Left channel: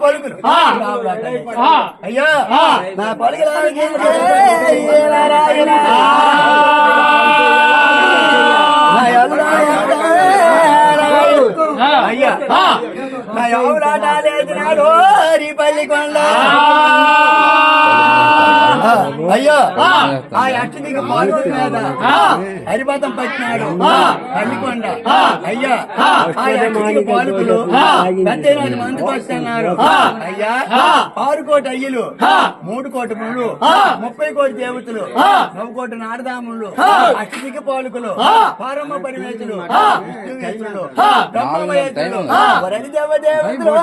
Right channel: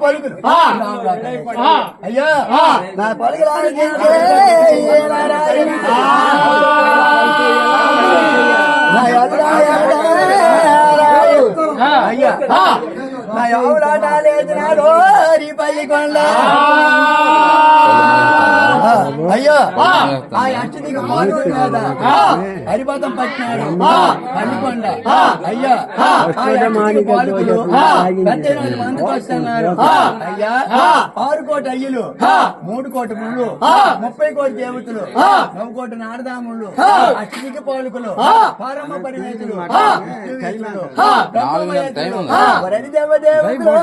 పలుకులు అయ్యా నా పలుకులు ఆలోచించే అయ్యా నా ఎవరాట లేచినాడు పల్లికొండ అయ్యో ఆ అష్టదికి పాల్గొన మీద హరిపథం పట్టినాడు పల్లికొండ అయ్యా ఆ అష్టదికి పాలకులు పెద్ద మందుకు వస్తున్నారు అయ్యా 6 కోటి అయ్యలు 3 కోటి ముళ్ళు 30 కోటి దేవతలు 9 కోటి నారదాములు అష్టదికి పాలకులు పారమ్మ పరివేతులు విష్ణువేతులు వరది దేవదేవతలు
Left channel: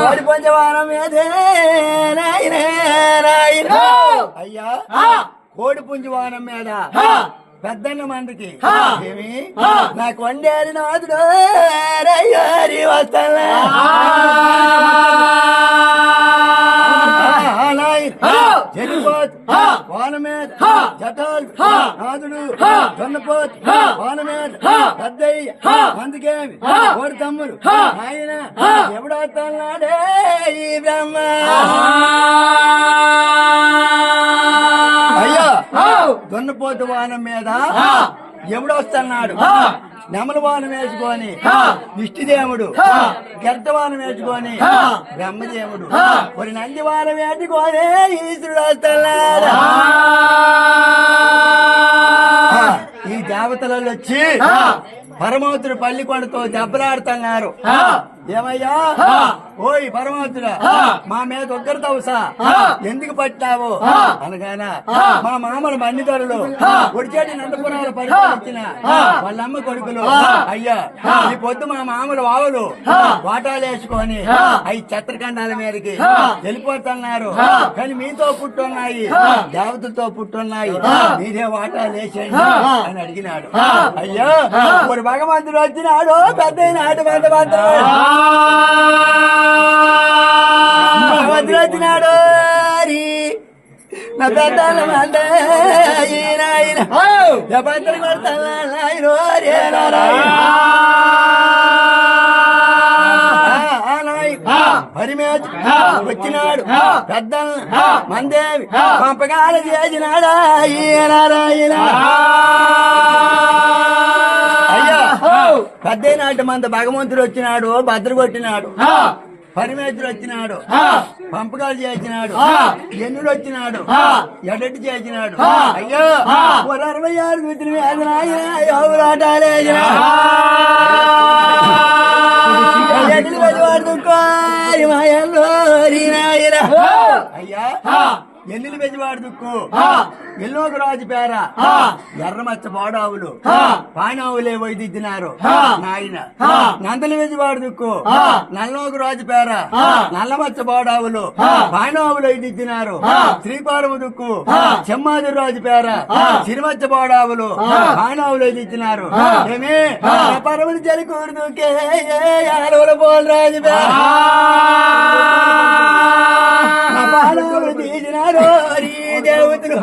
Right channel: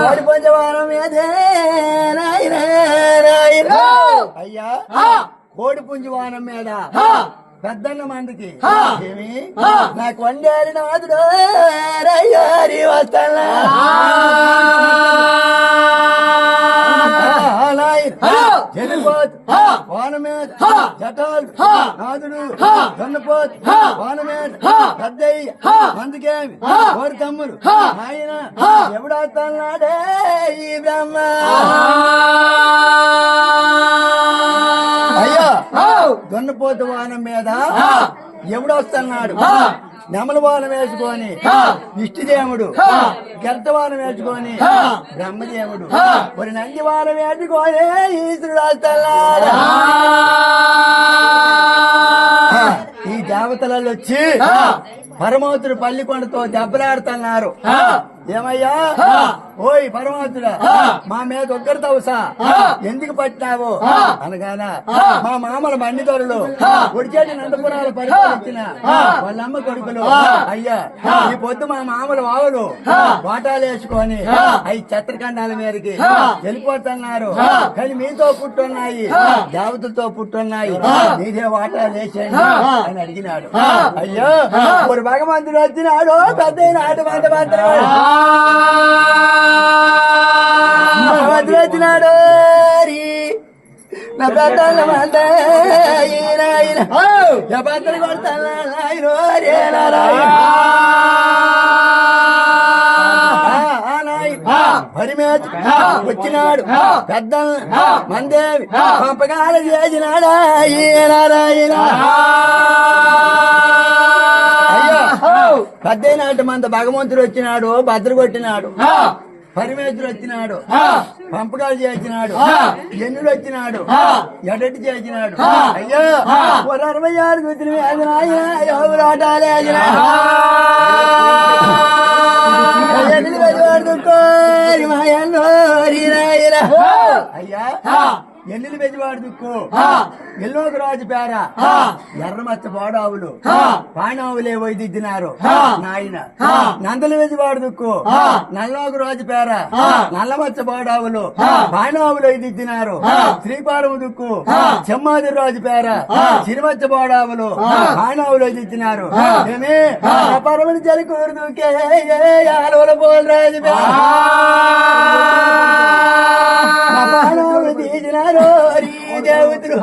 కోడి పంచవానం అయ్యా కోడి పుంజవానం మీద పెద్దన్న మందికి ఏమి నాకు వండారి నాదుడు వస్తాను వాన మీద జటాలు నాదుడు దన్నపోతు వాన మీద పెద్దయ్య అందుకేమి కోడి తమ్ముడు ఆయన ఎవడొస్తున్నాడే ఈ బ్రహ్మ అయ్యా దొన్నపోతు వానం మీద ఎవడొస్తున్నాడు నెమలవానం వేసుకొని విష్ణుదేవుడు గర్తవానం వేసుకొని బ్రహ్మదేవుడు కొన్ని నందివానం వేసుకొని ఈశ్వరుడు వస్తున్నాడు ఈ దేవతలలో వచ్చి పరమౌతుడు పల్లికొండతో దెబ్బలాడుతున్నారు ఏమయ్యా ఓయ్ పరమాత్ముడా మా మీద ఉగ్రతవసా ఎందుకు పట్టినావు అనగానే మా మామల మన్నిదొరలు ఉడిచేటి నందపురాలు పరిపాలించిన వాళ్ళమ్మ కొడుకులు అయ్యా ఈ పొద్దు మా మామల వావులు వాటాలు వేసుకొని అవి చత్రఖండాల మీదకి వెళ్ళిపోతున్నారు కానీ మీతో పుట్టున్నాయి దేవతలతో పుట్టున్నాయి మీరే వాటాలు వేసేయండి అని అడిగినాడు అయ్యో ఇప్పుడు భగవంతుడు వచ్చినాడు పెద్ద నాటు భగవంతుడు వచ్చినాడు నా పెద్దలు కొడతాను హరిమేత వచ్చినాడు పెద్ద మందేవి పంపకాలు చేసినాడా నారాయణ అయ్యా పెద్ద నాటి మంద భగవంతుడు వచ్చినాడు భద్ర కొట్టినాడు పరమేశ్వరుడు వచ్చినాడు పంపకాలు చేసినాడు ఎన్నుడు వచ్చినాడు ఎడటి చేసినాడు అయ్యో 66 కూతురు ఎవరాటాలే అయ్యా ఎల్లులు బెజవాడు దుక్కు ఎల్లోక రాజు పేర ఎర్రమచ్చ పోడావులు పానావులే వైదిద్దినారు నాయన నందలి బెజవాడు దుక్కు నల్లోక రాజు పేర నల్లమచ్చ పోడావులు పానావులు వైదిద్దినారు శ్రీపాలము దుక్కు చెమ్మాది రాజు పేర చిరుమచ్చ పోడావులు పానావులు వైదిద్దినారు ఏమే పరమని జలికూరు దుక్కే పోల్ రాజు పేర దేవతలు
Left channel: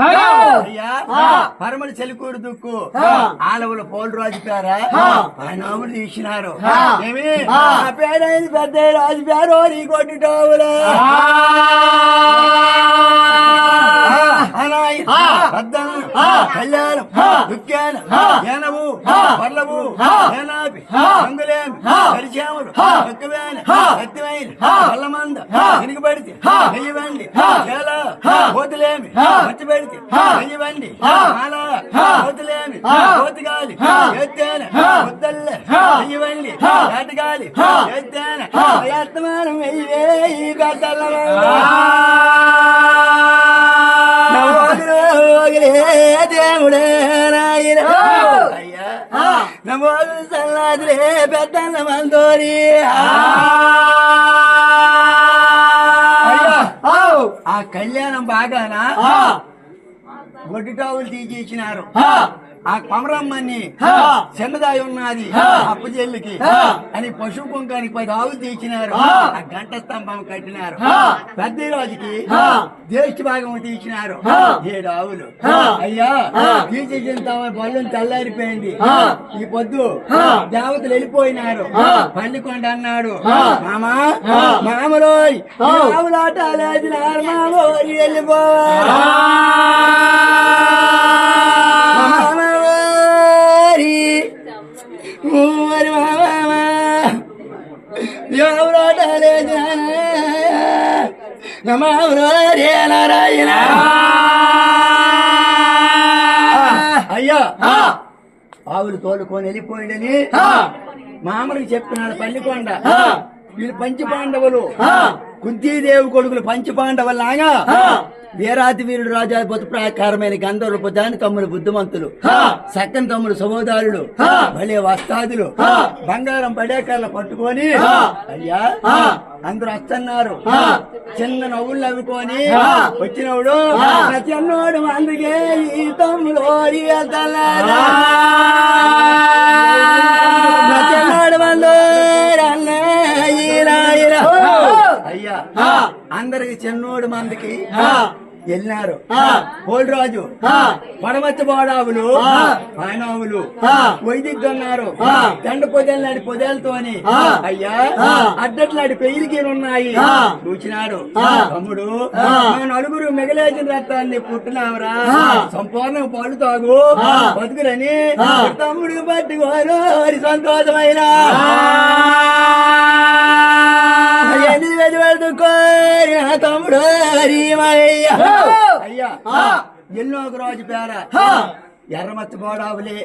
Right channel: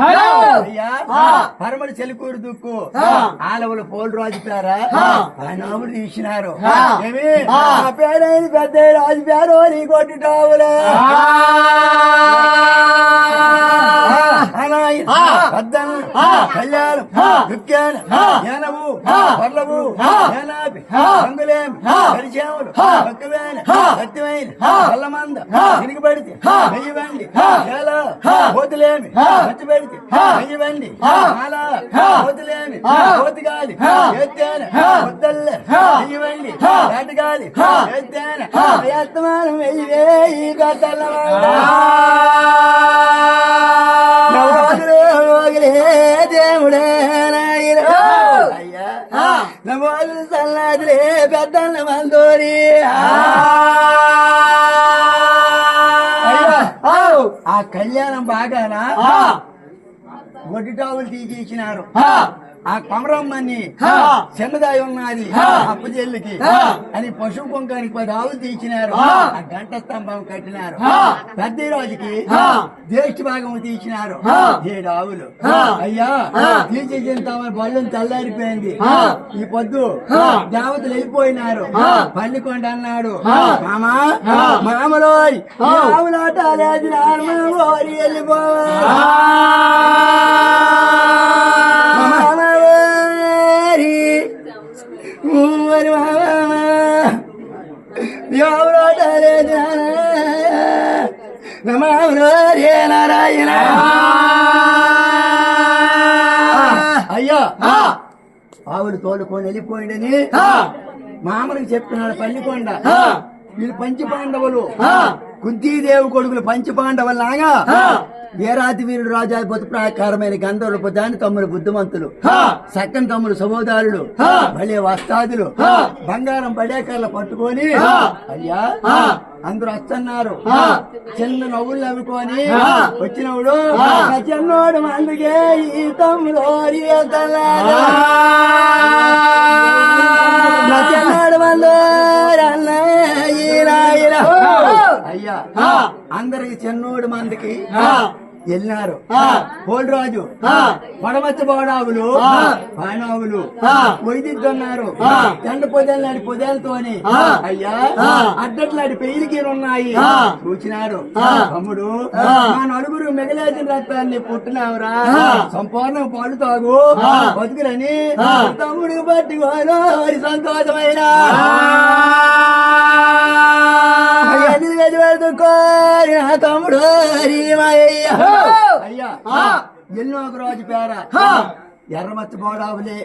పరమడి చెలికూరు దుక్కు ఆలవులు పోలు రాజు పేరా నాముడు తీసినారు ఏమి పేరైంది పెద్ద రాజు పేరు నీ కొట్టుటావులే కళ్యాణం దుఃఖాన జ్ఞానము పర్లవు జ్ఞానాపి రంగులేమి పరిచయములు భక్తివేన భక్తివైన పల్లమంద వెనుకబడితే వెయ్యివండి ఎలా కోతులేమి వచ్చి పెడితే వెయ్యివండి మాలా కోతులేమి కోతిగాలి ఎత్తేన ముద్దల్లే వెయ్యివండి ఏటగాలి ఎత్తేన ఎత్తమానం వెయ్యి గతల దేవుడే నాయన అయ్యా నమో సల్లాదిలే పెద్దన్న మందోరి ఆ కళ్యాణం బాగానా గొడ్డుటావులు తీసేసినారు ఆ కొమరమ్మని చిన్నదాయి ఉన్నది అప్పు చెల్లికి అని పశువు కుంకానికి 10 ఆవులు తీసినారు. ఆ గంట స్తంభం కట్టినారు. పెద్ద రాజుకి జ్యేష్ఠ భాగం తీసినారు 7 ఆవులు. అయ్యా తీసేసిన బళ్ళు చల్లారిపోయింది. ఈ పొద్దు దేవతలు వెళ్ళిపోయినారు. పల్లికొండ అన్నాడు, మామా మామలో ఆవులాట లేదు మామోరి వెళ్ళిపోవాలి. మరి మామా ఎవరోట లేదు నారాయణ. అయ్యా ఆవులు తోలుకొని వెళ్ళిపోయిందని మామూలుగా చెప్తున్నాడు పల్లికొండ. వీళ్ళు పంచపాండవులు, కుంతీదేవి కొడుకులు పంచపాండవులాగా వీరాతి వీరుడు రాజాధిపతి ప్రాకారమైన గంధర్వ దాని తమ్ముడు బుద్ధిమంతులు, సక్కని తమ్ముడు సహోదరులు, భలే వస్తాదులు బంగారం పడేకర్లు పట్టుకొని అయ్యా అందరూ వస్తున్నారు. చిన్న నవ్వులు నవ్వుకొని వచ్చినప్పుడు చిన్నోడు అందుకే ఈ తమ్ముడు చిన్నోడు మందు అయ్యా అందరికి చిన్నోడు మందికి వెళ్ళినారు. పోలరాజు పడమచ్చ బోడావులు పానావులు వైదిద్దన్నారు. దండ పొదలనాడి పొదలతోని అయ్యా అడ్డట్లాడి పెయిలికి ఉన్నాయి. చూచినాడు తమ్ముడు మా నలుగురు మిగలేసిన రక్తాన్ని పుట్టినావురా, సంపూర్ణ పాలు తాగు బతుకురని తమ్ముడికి పట్టుకోను సంతోషమైన తమ్ముడు అయ్యా ఎన్నో ఒక రోజు పేర ఎర్రమచ్చ బోడావులే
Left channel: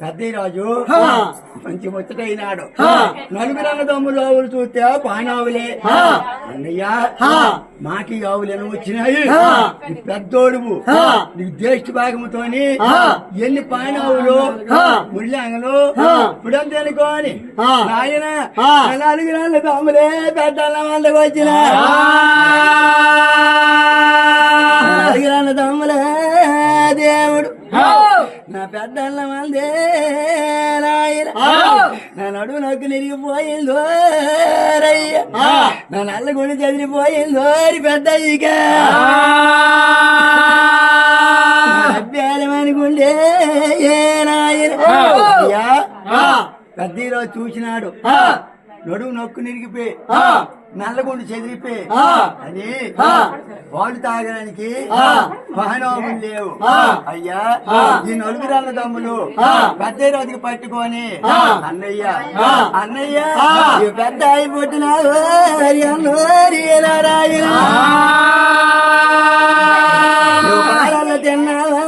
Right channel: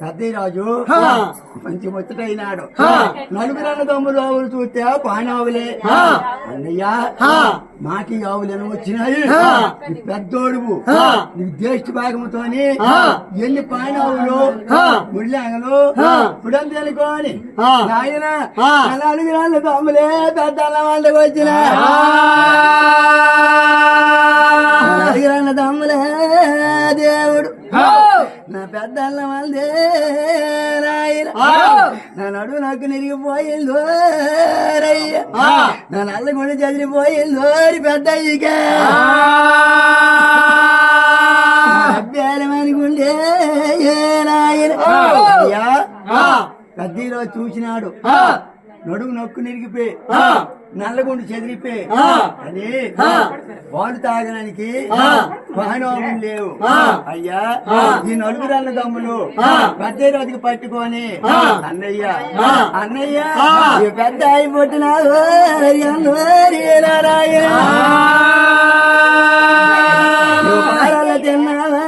పెద్దరాజు మంచి ముచ్చటైనాడు. నలుగురు అన్నదమ్ములు ఆవులు చూస్తే పానావులే. అన్నయ్యా మాకి ఆవులు వచ్చినాయి, పెద్దోడువు నీకు జ్యేష్ఠ భాగముతోని ఎన్ని పానావులు ముళ్ళంగలు ఇప్పుడంతే అనుకోని ఆయన నలుగురు అన్నదమ్ములే పెద్ద వాళ్ళకి వచ్చిన నలుగురు అన్నదమ్ములే దేవుడు నా పెద్దన్న మందే నా నడువు నాకు నిరిగిపోయిందో రయ్య, నా నల్ల గుడి చదిరిపోయిందో పెద్ద అభ్యాలమనుకుంటే నాయన అయ్యా పెద్దరాజు చూసినాడు. నడువు నొక్కు నిరిగిపోయి నల్లగుండు చెదిరిపోయి అని వాళ్ళు తాగడానికి వాహనం లేవు. అయ్యా ఈ నలుగురు అన్నదమ్ములు పెద్ద రోజుకి పట్టుకొని అన్నయ్య అన్నయ్య పెద్ద అయిపోతున్నావు నారాయణ తిన్నావా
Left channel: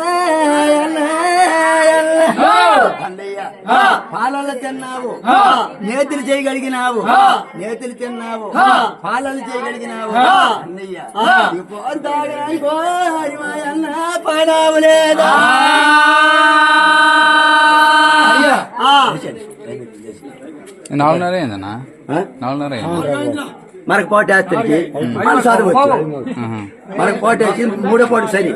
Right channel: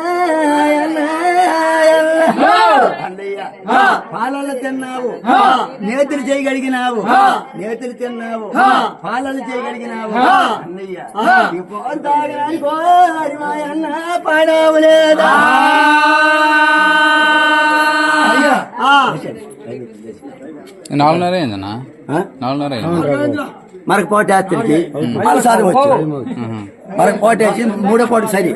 అన్నయ్య పాలలు తిన్నావు, నేతులు చేయగలిగినావు, నేతులు తిన్నావు, పాలలు చేయగలిగినావు అన్నయ్య. పాలు తాగడానికి మా అన్న పాడావు లేదా మనకు పోటేస్తుంది. మనకు పోటేసి 3వ పోటీ సరి